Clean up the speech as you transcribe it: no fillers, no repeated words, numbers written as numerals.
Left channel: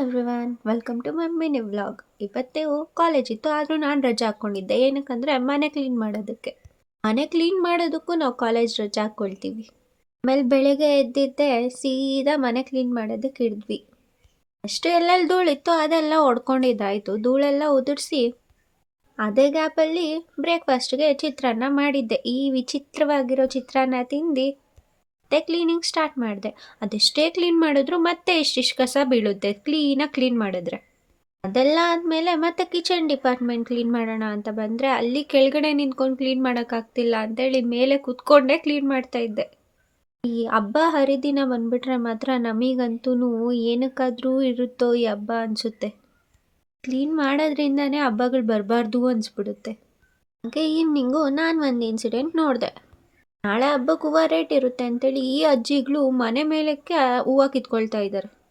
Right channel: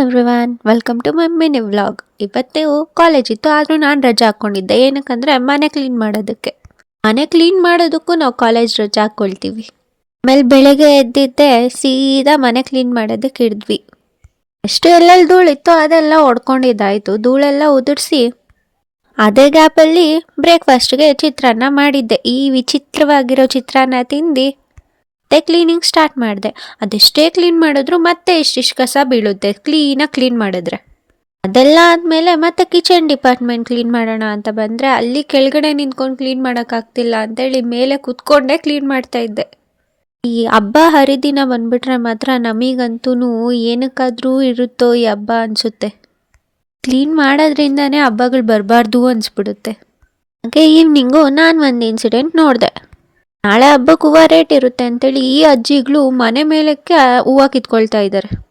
Everyone, welcome to my mini vlog. ಇವತ್ತೇ college ಇತ್ತು, ಆದರೂ ನಾನು ರಜೆ ಹಾಕ್ಕೊಂಡಿದ್ದೆ. ಏನಕ್ಕಂದರೆ ಮನೆ ಕ್ಲೀನ್ ಮಾಡೋದಕ್ಕೆ. ಮನೆ ಕ್ಲೀನ್ ಮಾಡೋದಕ್ಕೂ ನಾವು ಕಾಲೇಜ್ ರಜೆ ಹಾಕ್ಕೊಳ್ತೀವಿ. ಆಮೇಲೆ ಬೆಳಗ್ಗೆ ಎದ್ದಿದ್ದೆ ಸೀದಾ ಮನೆ ಕ್ಲೀನ್ ಮಾಡೋದಕ್ಕೆ ಹಿಡಿದ್ವಿ. ಎಷ್ಟು ಎಲ್ಲೆಲ್ಲಿ ಧೂಳಿತ್ತು ಅದೆಲ್ಲ ಹೊಡ್ಕೊಂಡಿದ್ದಾಯಿತು. ಧೂಳೆಲ್ಲ ಉದುರಿಸಿ ಅದೇ ಗ್ಯಾಪಲ್ಲಿ ಬ್ರೇಕ್ಫಾಸ್ಟ್ಗೆ ಚಿತ್ರಾನ್ನ ಮಾಡಿದ್ದೆ. ಈ ವಿಚಿತ್ರವಾಗಿರೋ ಚಿತ್ರಾನ್ನ ತಿಂದು ಮತ್ತೆ ಕ್ಲೀನಿಂಗ್ ಸ್ಟಾರ್ಟ್ ಮಾಡಿದೆ. ಅದೆಷ್ಟೇ ಕ್ಲೀನ್ ಮಾಡಿದ್ರು ಮತ್ತೆ ಇಷ್ಟಿಷ್ಟು ಕಸ ಬೀಳುತ್ತೆ ಕ್ಲೀನಾಗಿ ಕ್ಲೀನ್ ಮಾಡಿದ್ರೆ. ಅದೆಲ್ಲ ಆದಮೇಲೆ ಮತ್ತೆ ಕಿಚನ್ ಡಿಪಾರ್ಟ್ಮೆಂಟ್ ಕ್ಲೀನ್ ಮಾಡೋಣ ಅಂತ ಬಂದರೆ ಅಲ್ಲಿ ಕೆಳಗಡೆ ನಿಂತ್ಕೊಂಡು ಕ್ಲೀನ್ ಮಾಡೋಕ್ಕಾಗ್ತಿಲ್ಲ ಅಂತೇಳಿ ಮೇಲೆ ಕೂತ್ಕೊಂಡೇ ಕ್ಲೀನ್ ಮಾಡ್ತಾ ಇದ್ದೆ. ಈ ಹಬ್ಬ ಹರಿದಿನ ಬಂದ್ಬಿಟ್ರೆ ಮಾತ್ರ ನಮಗಂತೂ ಏನಕ್ಕಾದರೂ ಇರುತ್ತೋ ಈ ಹಬ್ಬ ಅನಿಸುತ್ತೆ. ಕ್ಲೀನ್ ಮಾಡೋದ್ರಿಂದನೇ ಹಬ್ಬಗಳು ಬರಬಾರ್ದು ಅನಿಸ್ಬಿಡುತ್ತೆ. ಹಾಗೆ ಈವ್ನಿಂಗು ನಾನು ಒಂದು ಇನ್ಸಿಡೆಂಟ್ ನೋಡಿದೆ. ನಾಳೆ ಹಬ್ಬಕ್ಕೆ ಹೂವು ರೇಟ್ ಇರುತ್ತೆ ಅಂತೇಳಿ ಈ ಅಜ್ಜಿಗಳು ಮನೆ ಮೇಲಕ್ಕೆ ಹೂವು ಕಿತ್ಕೊಳ್ತಾ ಇದ್ದಾರೆ.